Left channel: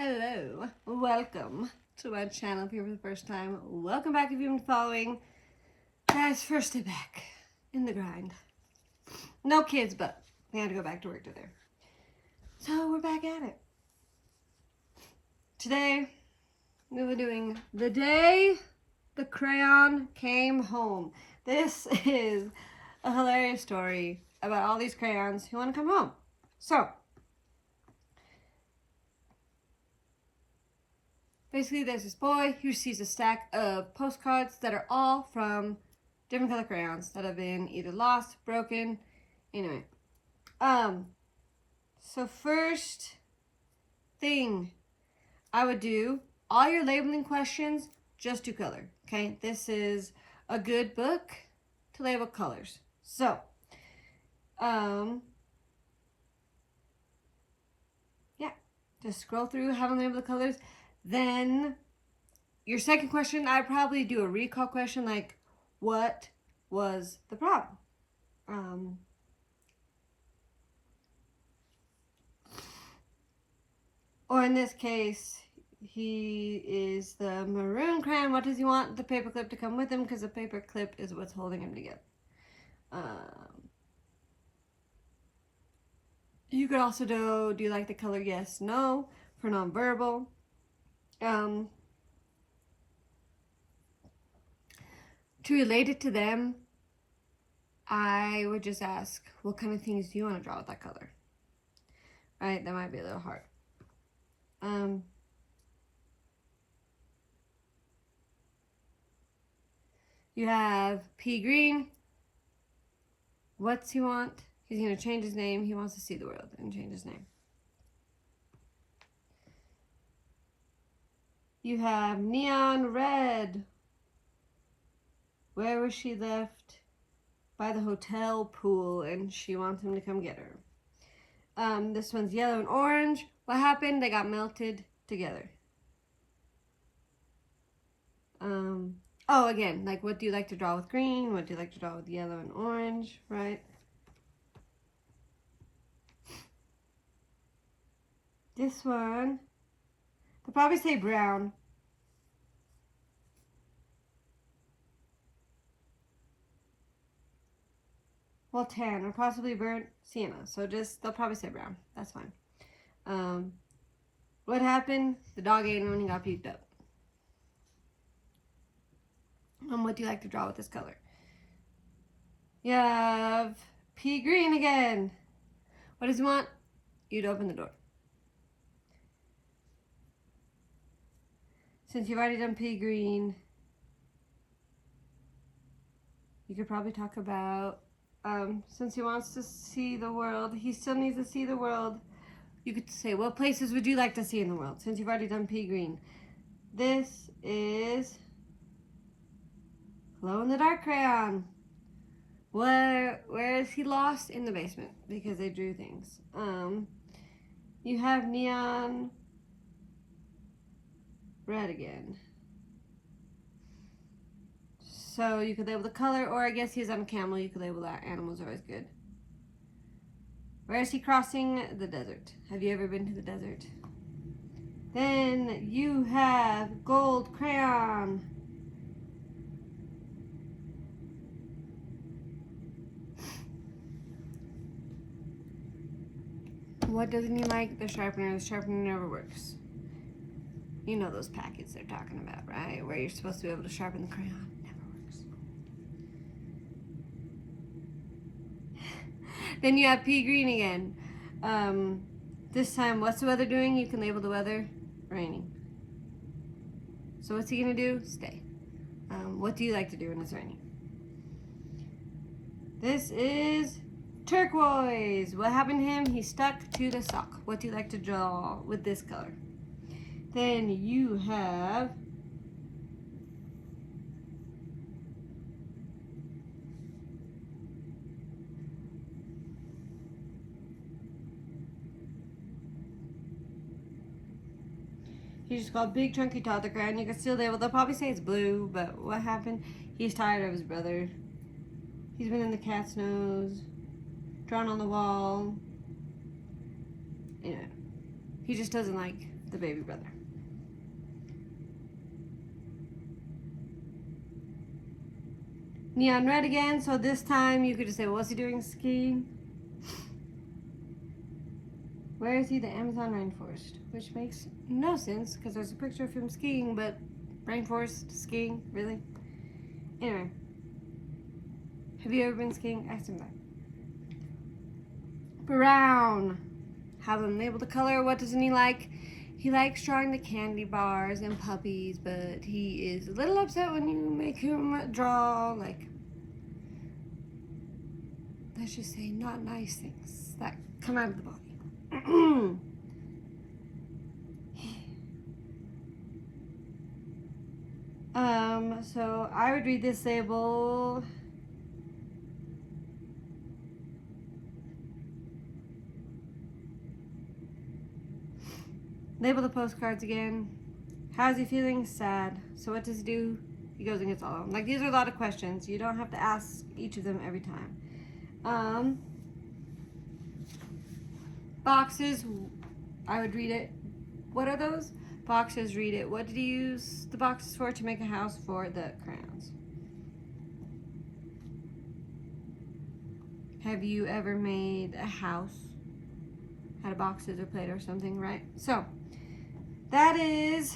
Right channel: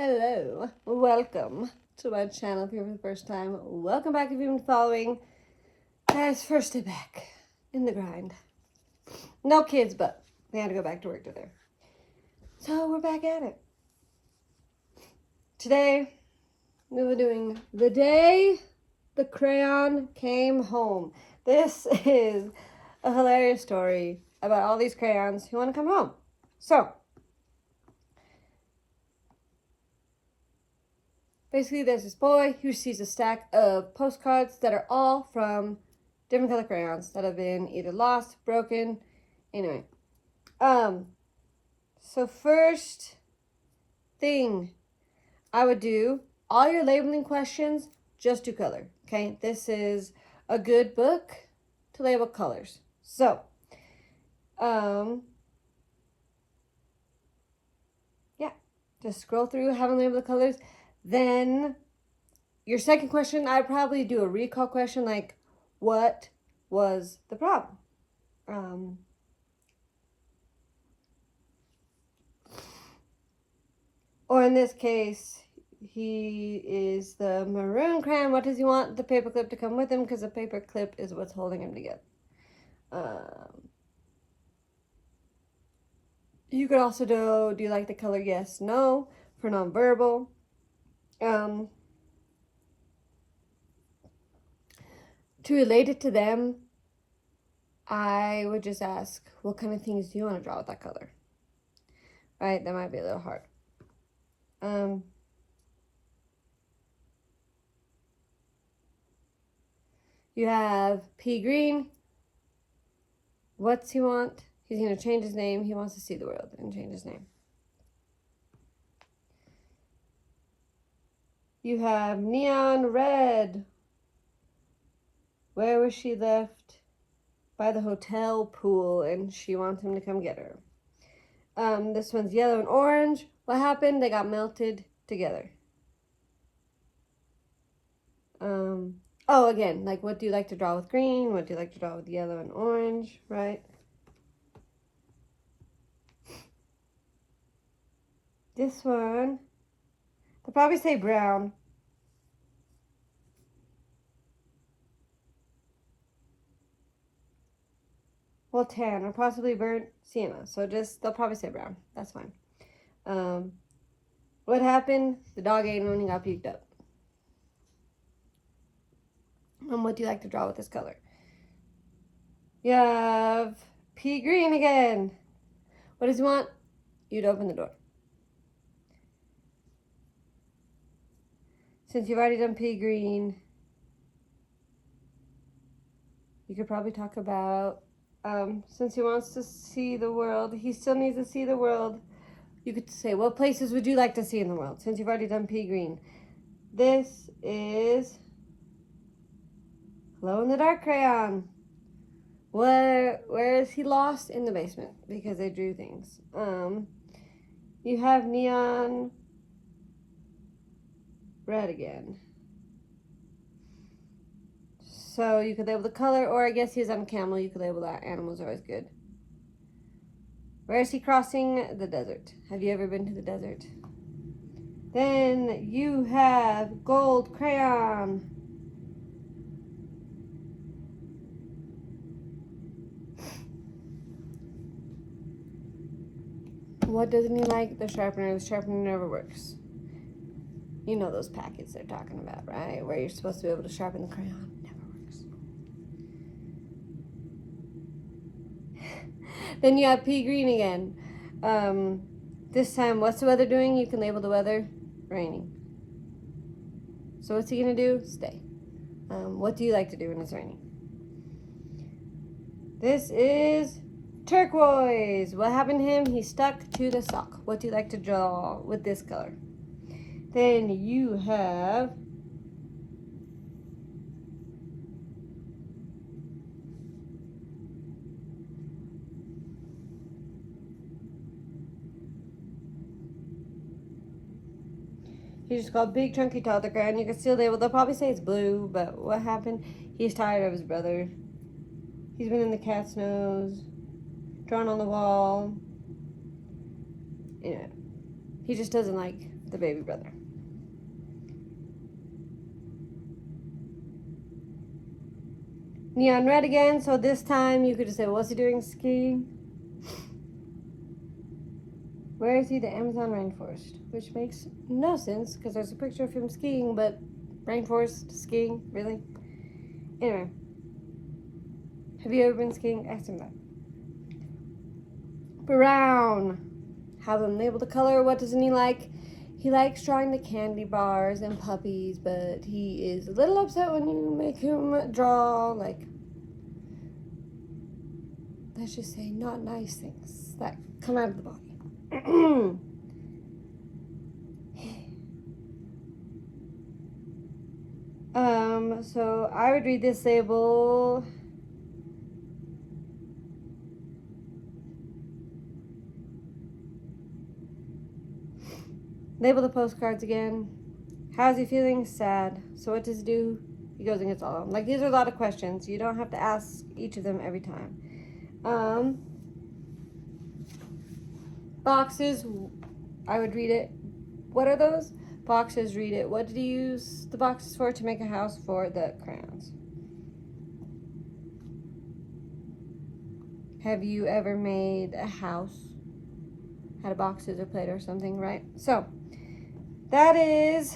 Hello, welcome to my channel if you're for the first time. Welcome back if you've been following. Guys, first day back in the grind. No kids, but they had to go back to work today. So we're back at it. Today, we were doing the day the crayon came home. This is a hilarious story about all these crayons who want to come home. So, basically, there's this boy who sees a stack of postcards that are all from different color crayons that have been either lost, broken, anyway. So first thing I would do, all your labeling questions, just do color, okay? This is a good book to label colors. So, yeah, just scroll through, have them label the colors. Then your second question, I'd probably do a recall question like, what was the problem? Or in this case, he is the maroon crayon. What does he want the paperclip to come with him? Because the paperclip is what's holding him together. You could also do you like the color yes, no, for nonverbal. To relate it to them, I would just ask, what kind of things do you want to draw with that color? Right, that might be a little hard. You have pea green. What's he want? He's going to change his name. He wants to see the world and change his name. You have neon red. Where was she left? By the hotel pool, and she wants him to come get her. This one's yellow and orange. What happened? They got melted together. Oh, again, like, what do you like to draw with green? What do you like to draw with yellow and orange, right? This one, they'll probably say brown. Well, tan or possibly burnt sienna. So they'll probably say brown. That's fine. What happened? The dog ate him and he got puked up. What do you like to draw with this color? You have pea green again. What does he want? You'd open the door. Since you've already done pea green, you could probably talk about, since he wants to see the world, he still needs to see the world. You could say, what places would you like to see in the world? Since you've already done pea green. This is glow-in-the-dark crayon. Where is he lost? In the basement, because they drew things. You have neon red again. So you could label the color, or I guess he's on a camel. You could label that. Animals are always good. Where is he crossing? The desert. Have you ever been to the desert? Then you have gold crayon. What doesn't he like? The sharpener. The sharpener never works. You know those packets they're talking about, right? Where you're supposed to be able to sharpen the crayon. Never works. Then you have pea green again. This time, what's the weather doing? You can label the weather raining. So what's he gonna do? Stay. What do you like to do when it's raining? This is turquoise. What happened to him? He stuck to the sock. What do you like to draw with this color? Then you have he's just called big chunky toddler crayon. You can still label. They'll probably say it's blue, but what happened? He's tired of his brother. He's been in the cat's nose, drawn on the wall. You know, he just doesn't like the baby brother. Neon red again, so this time you could just say, what's he doing skiing? Where is he? The Amazon rainforest, which makes no sense because there's a picture of him skiing, but rainforest skiing, really? Anyway, have you ever been skiing? Ask him that. Brown. Have him label the color. What doesn't he like? He likes drawing the candy bars and puppies, but he is a little upset when you make him draw, like, let's just say, not nice things that come out of the body. So I would read this label. Label the postcards again. How's he feeling? Sad. So what does he do? He goes and gets all of them. Like, these are a lot of questions. You don't have to ask each of them every time. Boxes, I would read it. What are those? Boxes, read it. What did he use the boxes for? To make a house for the crayons. Have you ever made a house out of boxes or plate or something, right? So, that is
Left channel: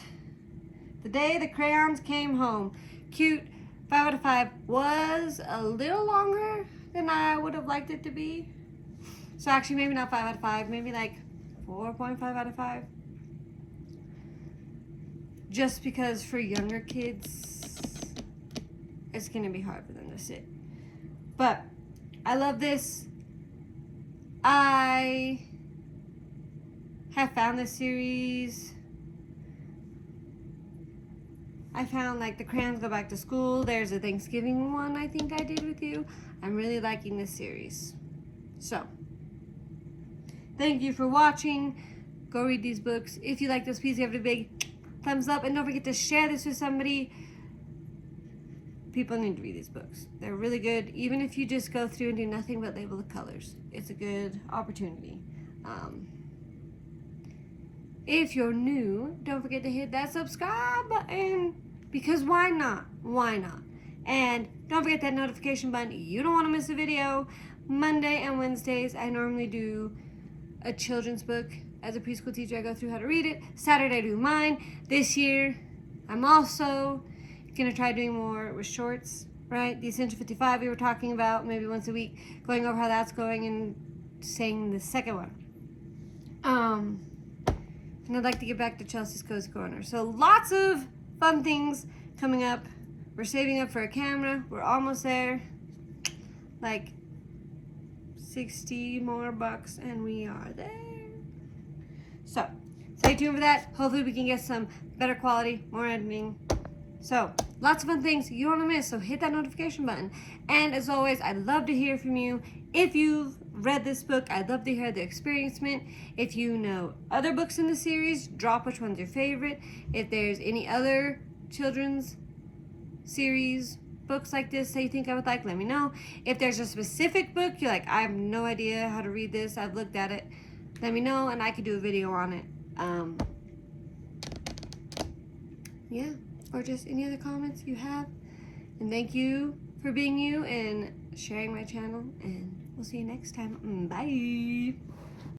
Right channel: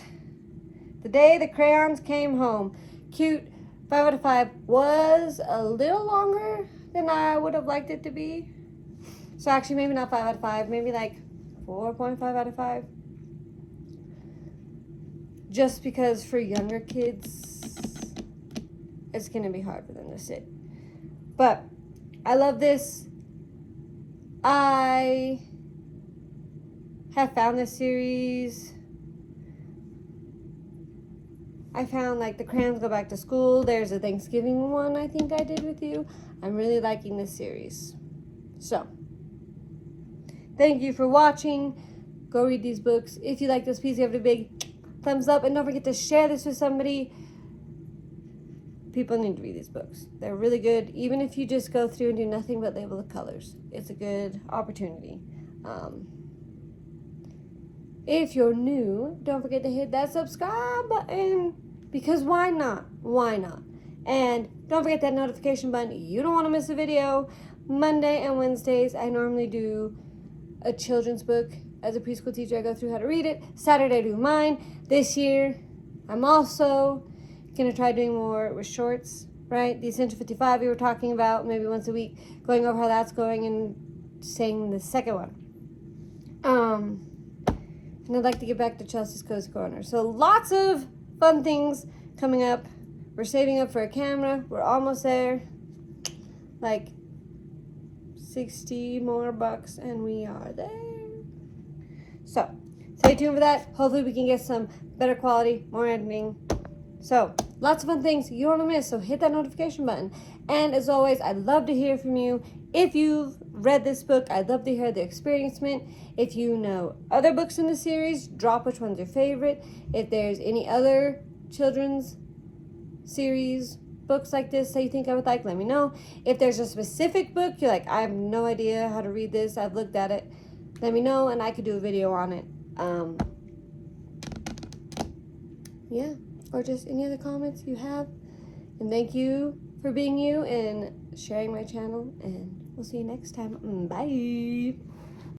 the day the crayons came home. Cute. 5 out of 5. Was a little longer than I would have liked it to be. So actually, maybe not 5 out of 5. Maybe like 4.5 out of 5. Just because for younger kids, it's going to be hard for them to sit. But I love this. I have found this series. I found like the Crayons Go Back to School. There's a Thanksgiving one I think I did with you. I'm really liking this series. So, thank you for watching. Go read these books. If you like this, please give it a big thumbs up. And don't forget to share this with somebody. People need to read these books. They're really good. Even if you just go through and do nothing but label the colors. It's a good opportunity. If you're new, don't forget to hit that subscribe button. Because why not? Why not? And don't forget that notification button. You don't want to miss a video. Monday and Wednesdays, I normally do a children's book. As a preschool teacher, I go through how to read it. Saturday, I do mine. This year, I'm also going to try doing more with shorts, right? The Essential 55 we were talking about, maybe once a week, going over how that's going and saying the second one. And I'd like to get back to Chelsea's Cozy Corner. So lots of fun things coming up. We're saving up for a camera. We're almost there. Like 60 more bucks and we are there. So stay tuned for that. Hopefully we can get some better quality, more editing. So lots of fun things you don't want to miss. So hit that notification button. And as always, I'd love to hear from you. If you've read this book, I'd love to hear the experiencement. If you know other books in the series, drop which one's your favorite. If there's any other children's series books like this that you think I would like, let me know. If there's a specific book you're like, I have no idea how to read this, I've looked at it, let me know and I could do a video on it. Yeah, or just any other comments you have. And thank you for being you and sharing my channel, and we'll see you next time. Bye.